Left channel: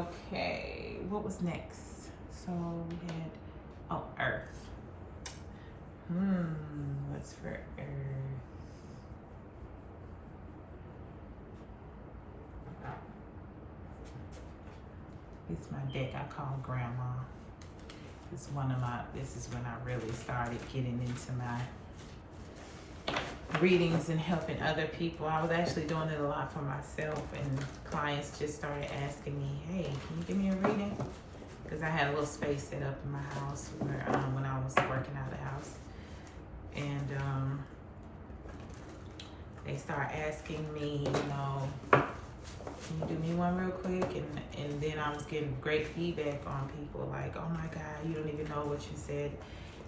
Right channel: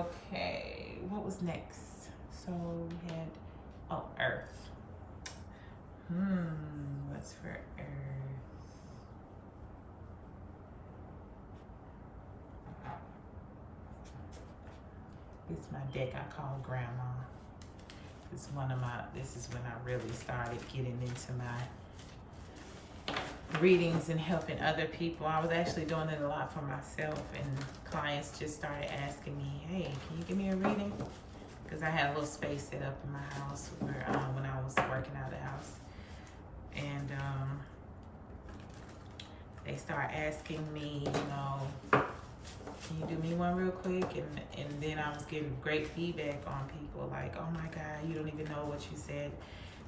Okay, what was next? So we had, oh, Earth. What's for Earth? It's my deck I call Grandma. This is when I really started getting into my readings and helping other people. I was actually doing it a lot for myself, and clients just started asking me, hey, can you give me a reading? Because I had a little space set up in my house where when I was working out of the house. And they start asking me, can you do me one real quick? And then I was getting great feedback on people like, oh my God, you don't even know what you said.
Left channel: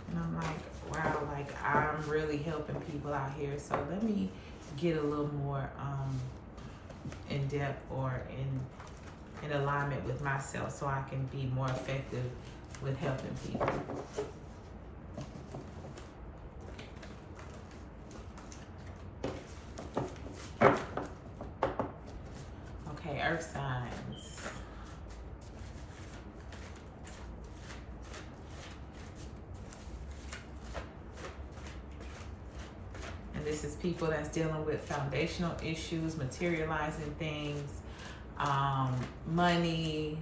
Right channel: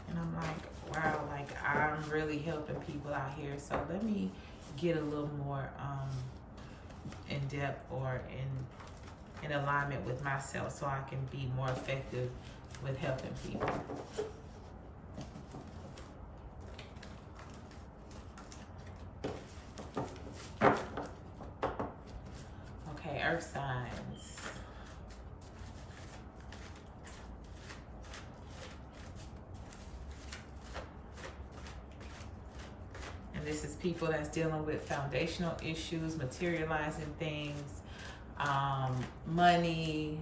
And I'm like, wow, like I'm really helping people out here. So let me get a little more in depth or in alignment with myself so I can be more effective with helping people. Okay, Earth signs. And this is people that's dealing with foundational issues, materializing things, money,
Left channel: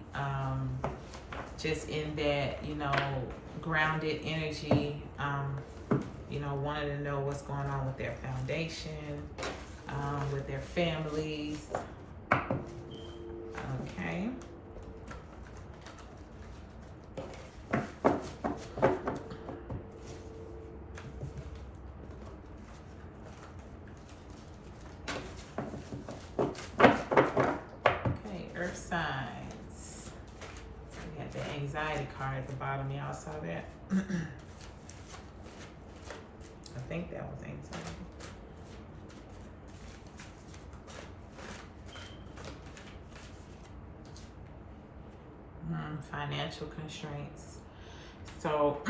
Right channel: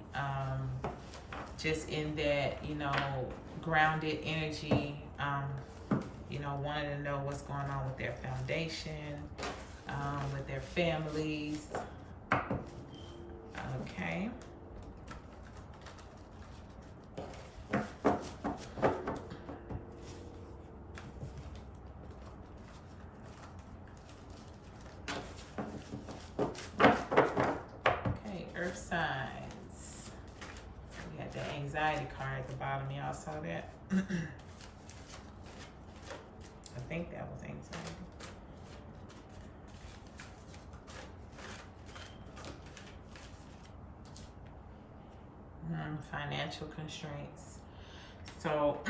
just in that, grounded energy, wanting to know what's going on with their foundation, with their families. Okay. Okay, Earth signs. So we had the anxiety card at the bottom. Y'all saw that? I think that was anxiety. Financial constraints. So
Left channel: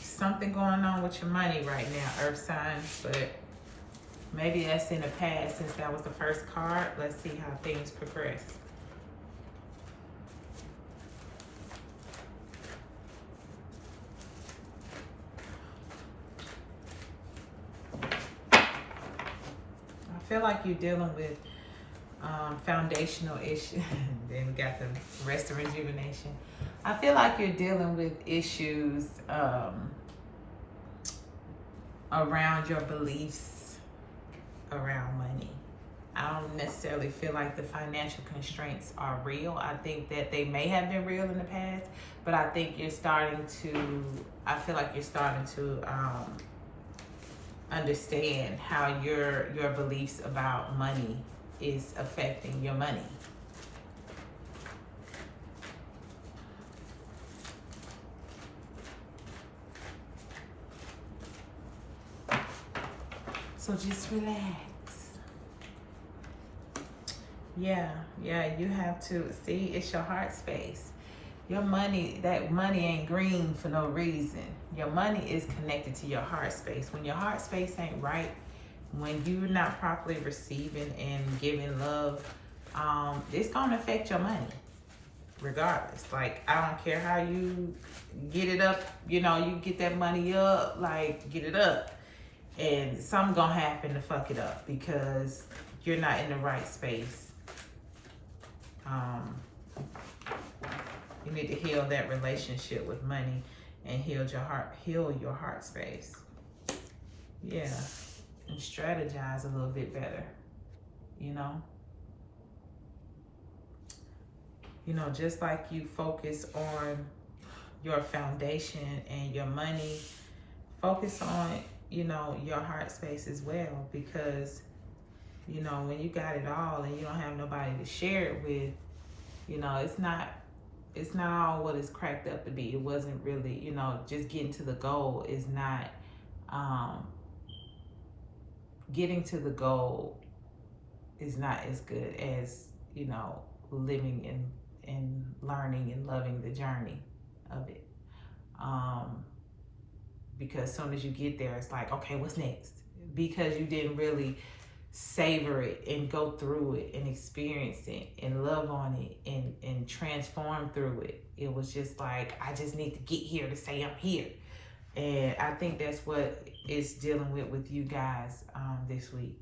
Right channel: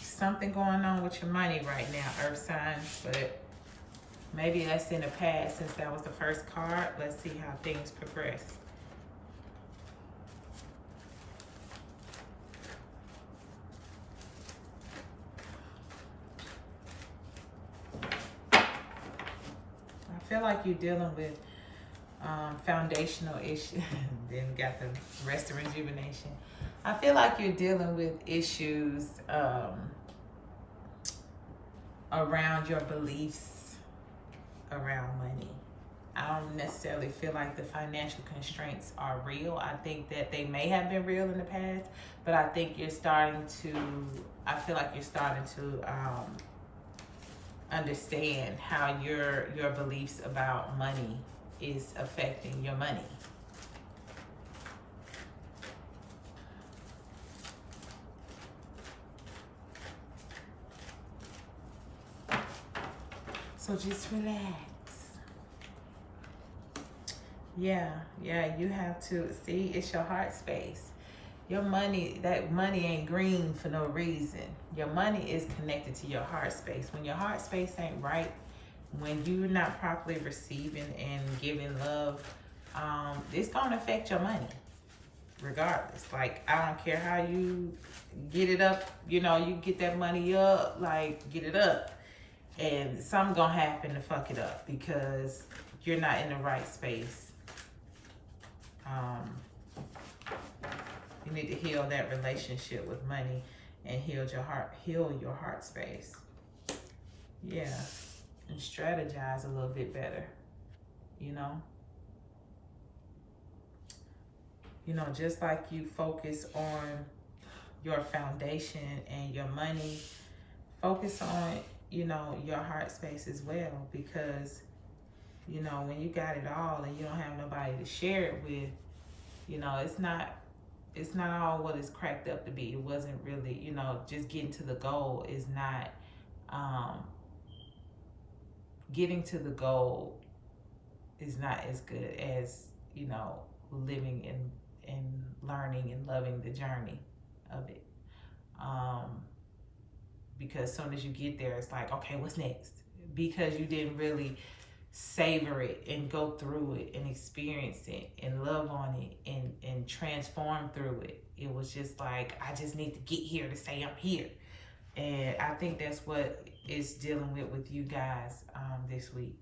something going on with your money right now, Earth signs, but maybe that's in the past since that was the first card. Let's see how things progress. I feel like you're dealing with foundational issues. Then got the rest of rejuvenation. I feel like you're dealing with issues around your beliefs around money. I don't necessarily feel like the financial constraints are real. I think that they may have been real in the past, but I think I feel like you're starting to understand how your beliefs about money is affecting your money. So just relax. Yeah, you have to see, it's your heart space. Your money, that money ain't green for no reason. Your money is connected to your heart space. When your heart space ain't right, when you're not properly receiving and giving love, it's gonna affect your money regardless. Like, I don't care how you get it up, you get that money up, like get it up. And something gonna happen to fuck it up because you're not in the right space. You need to heal that relationship with money and heal your heart space. Yeah. And strategize a little bit better. Just like you focus on your foundation and your money, focus on, your heart space as well, because, when you got it all and you don't have nobody to share it with, it's not all what it's cracked up to be. It wasn't really, just getting to the goal is not, getting to the goal is not as good as, living and learning and loving the journey of it. Because as soon as you get there, it's like, okay, what's next? Because you didn't really savor it and go through it and experience it and love on it and transform through it. It was just like, I just need to get here to say I'm here. And I think that's what it's dealing with you guys this week.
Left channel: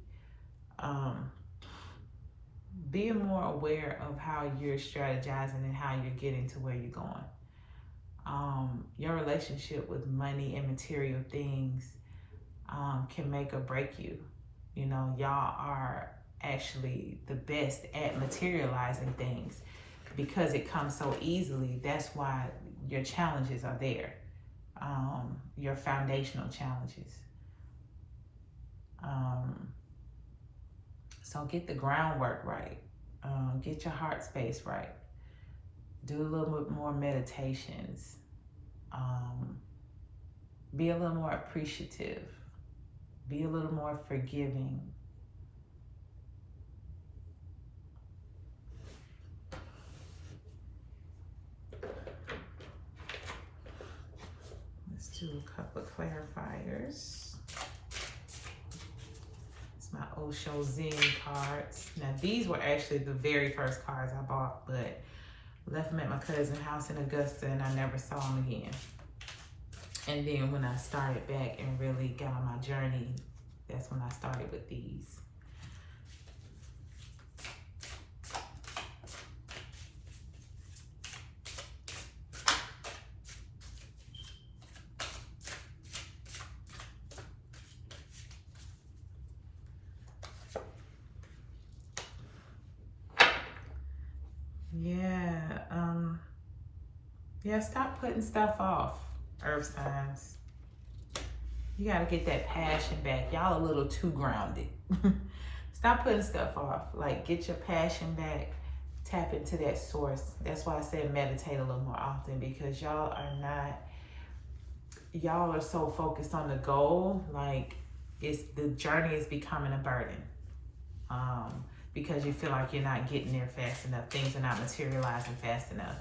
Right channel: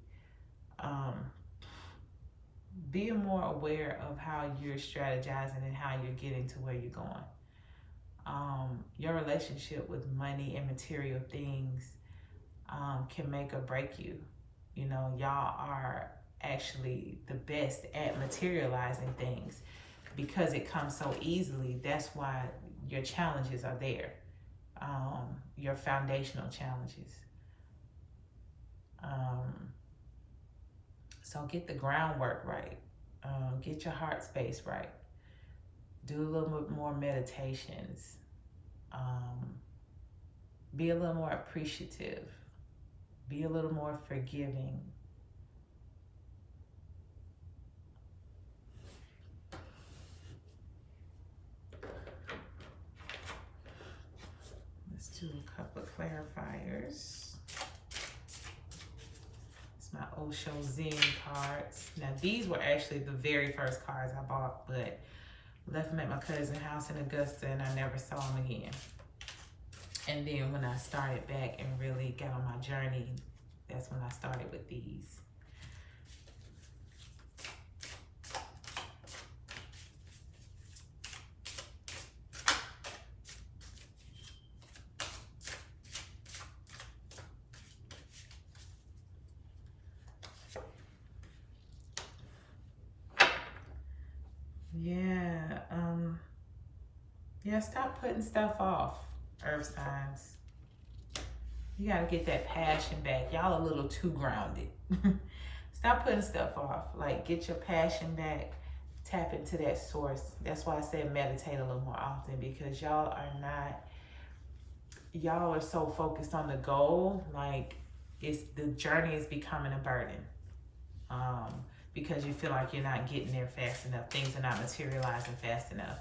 Being more aware of how you're strategizing and how you're getting to where you're going. Your relationship with money and material things can make or break you. You know, y'all are actually the best at materializing things because it comes so easily. That's why your challenges are there, your foundational challenges. So get the groundwork right. Get your heart space right. Do a little bit more meditations. Be a little more appreciative. Be a little more forgiving. Let's do a couple of clarifiers. It's my Osho Zen cards. Now these were actually the very first cards I bought, but left them at my cousin's house in Augusta and I never saw them again. And then when I started back and really got on my journey, that's when I started with these. Yeah, stop putting stuff off, earth signs. You gotta get that passion back. Y'all a little too grounded. Stop putting stuff off. Like, get your passion back. Tap into that source. That's why I said meditate a little more often, because y'all are so focused on the goal. Like, the journey is becoming a burden. Because you feel like you're not getting there fast enough. Things are not materializing fast enough.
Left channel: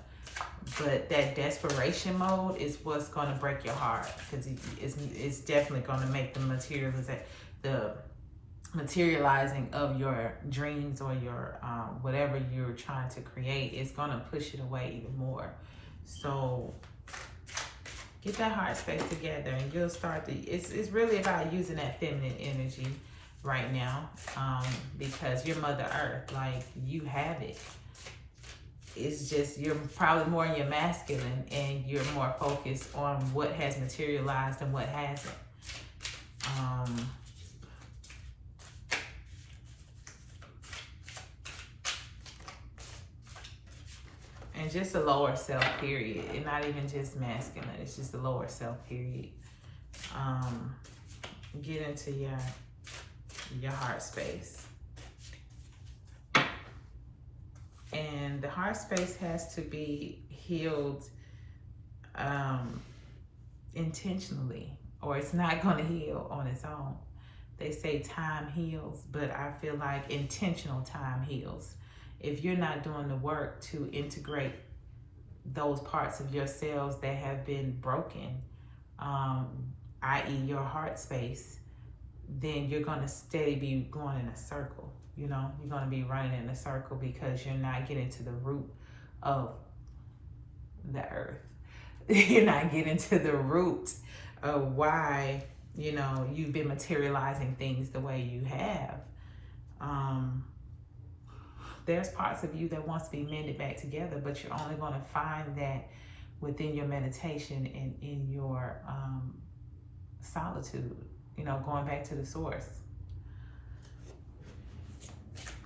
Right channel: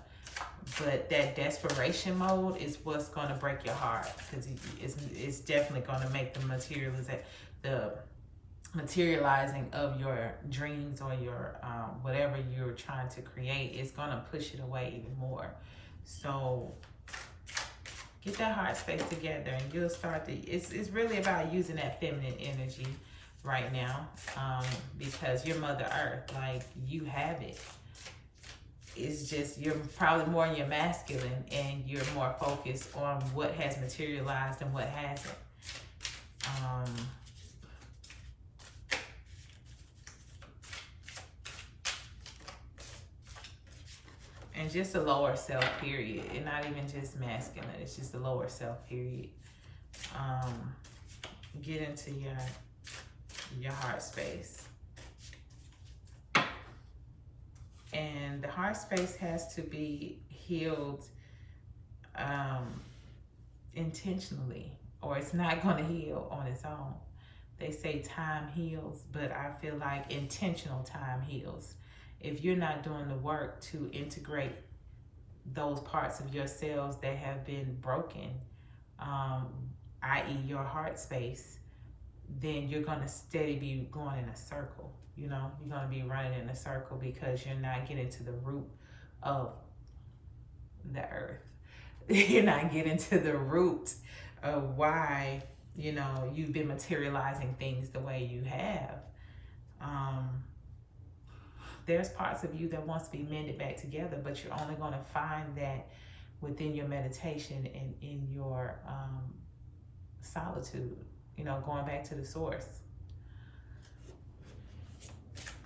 But that desperation mode is what's going to break your heart, because it's definitely going to make the materializing of your dreams or your whatever you're trying to create is going to push it away even more. So get that heart space together and you'll start to, it's really about using that feminine energy right now, because you're Mother Earth, like, you have it. It's just, you're probably more in your masculine and you're more focused on what has materialized and what hasn't. And just a lower self, period. And not even just masculine, it's just a lower self, period. Get into your heart space. And the heart space has to be healed intentionally, or it's not going to heal on its own. They say time heals, but I feel like intentional time heals. If you're not doing the work to integrate those parts of yourselves that have been broken, i.e. your heart space, then you're going to steady be going in a circle. You know, you're going to be running in a circle because you're not getting to the root of the earth. You're not getting to the root of why, you know, you've been materializing things the way you have. There's parts of you that wants to be mended back together, but you're only going to find that within your meditation and in your solitude, you know, going back to the source.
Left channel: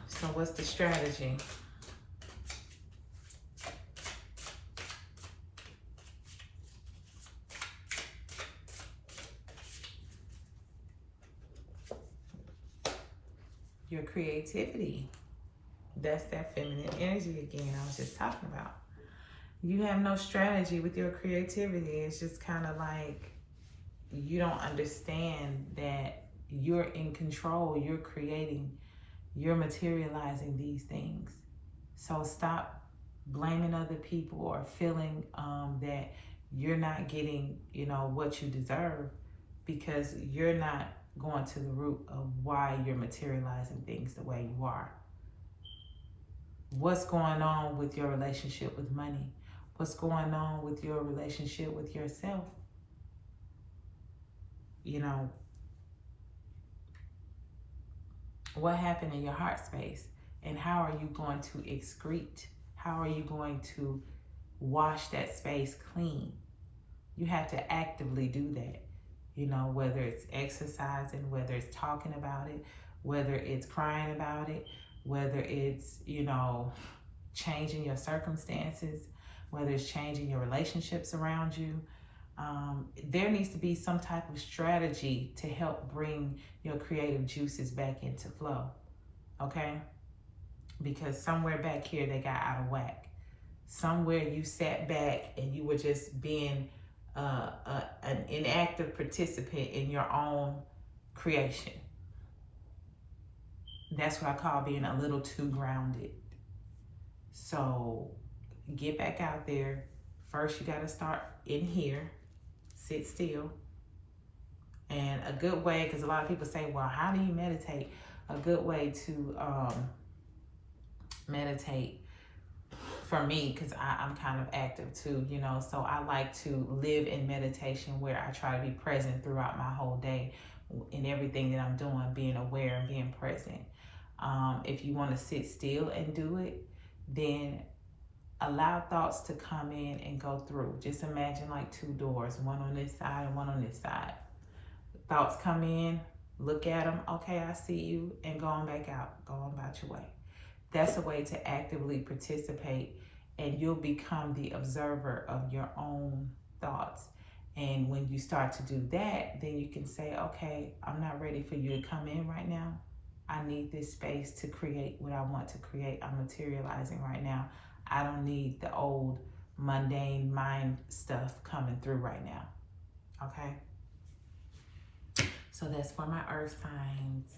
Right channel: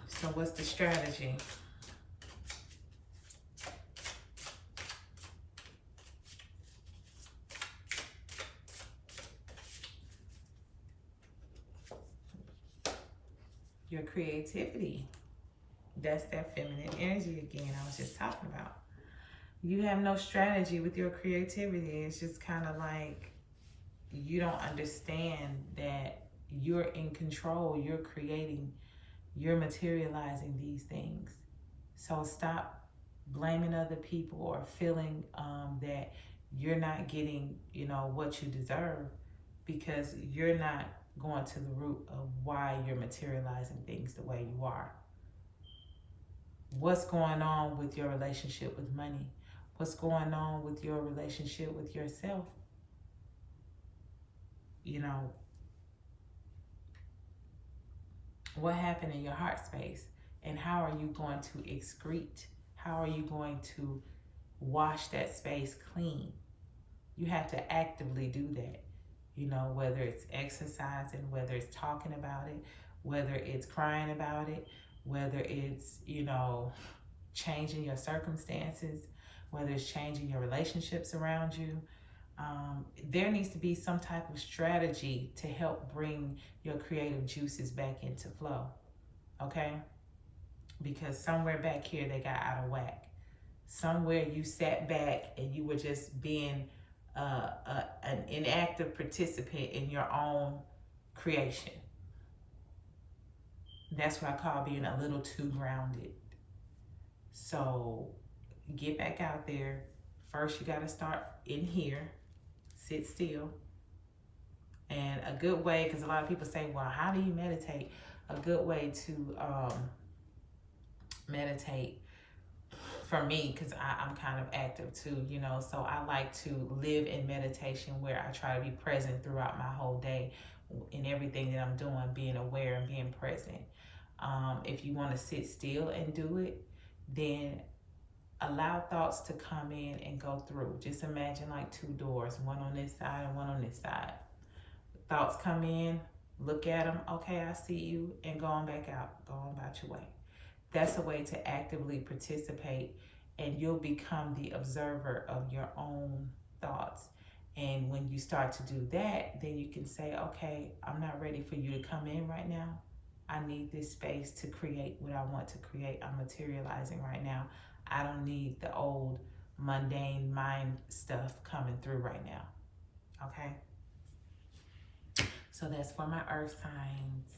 So what's the strategy? Your creativity. That's that feminine energy again I was just talking about. You have no strategy with your creativity. It's just kind of like you don't understand that you're in control, you're creating, you're materializing these things. So stop blaming other people or feeling that you're not getting, you know, what you deserve. because you're not going to the root of why you're materializing things the way you are. What's going on with your relationship with money? What's going on with your relationship with yourself? You know, what happened in your heart space? And how are you going to excrete? How are you going to wash that space clean? You have to actively do that. You know, whether it's exercising, whether it's talking about it, whether it's crying about it, whether it's, you know, changing your circumstances, whether it's changing your relationships around you. There needs to be some type of strategy to help bring your creative juices back into flow, okay? Because somewhere back here they got out of whack. Somewhere you sat back and you were just being an inactive participant in your own creation. That's what I call being a little too grounded. So get back out there. First, you got to start in here, sit still. And a good way, because a lot of people say, well, how do you meditate? A good way to meditate for me, because I'm kind of active too, you know, so I like to live in meditation where I try to be present throughout my whole day in everything that I'm doing, being aware and being present. If you want to sit still and do it, then allow thoughts to come in and go through. Just imagine like two doors, one on this side and one on this side. Thoughts come in, look at them, okay, I see you, and go on back out, go on about your way. That's a way to actively participate, and you'll become the observer of your own thoughts. And when you start to do that, then you can say, okay, I'm not ready for you to come in right now. I need this space to create what I want to create. I'm materializing right now. I don't need the old mundane mind stuff coming through right now. Okay? So that's for my earth signs.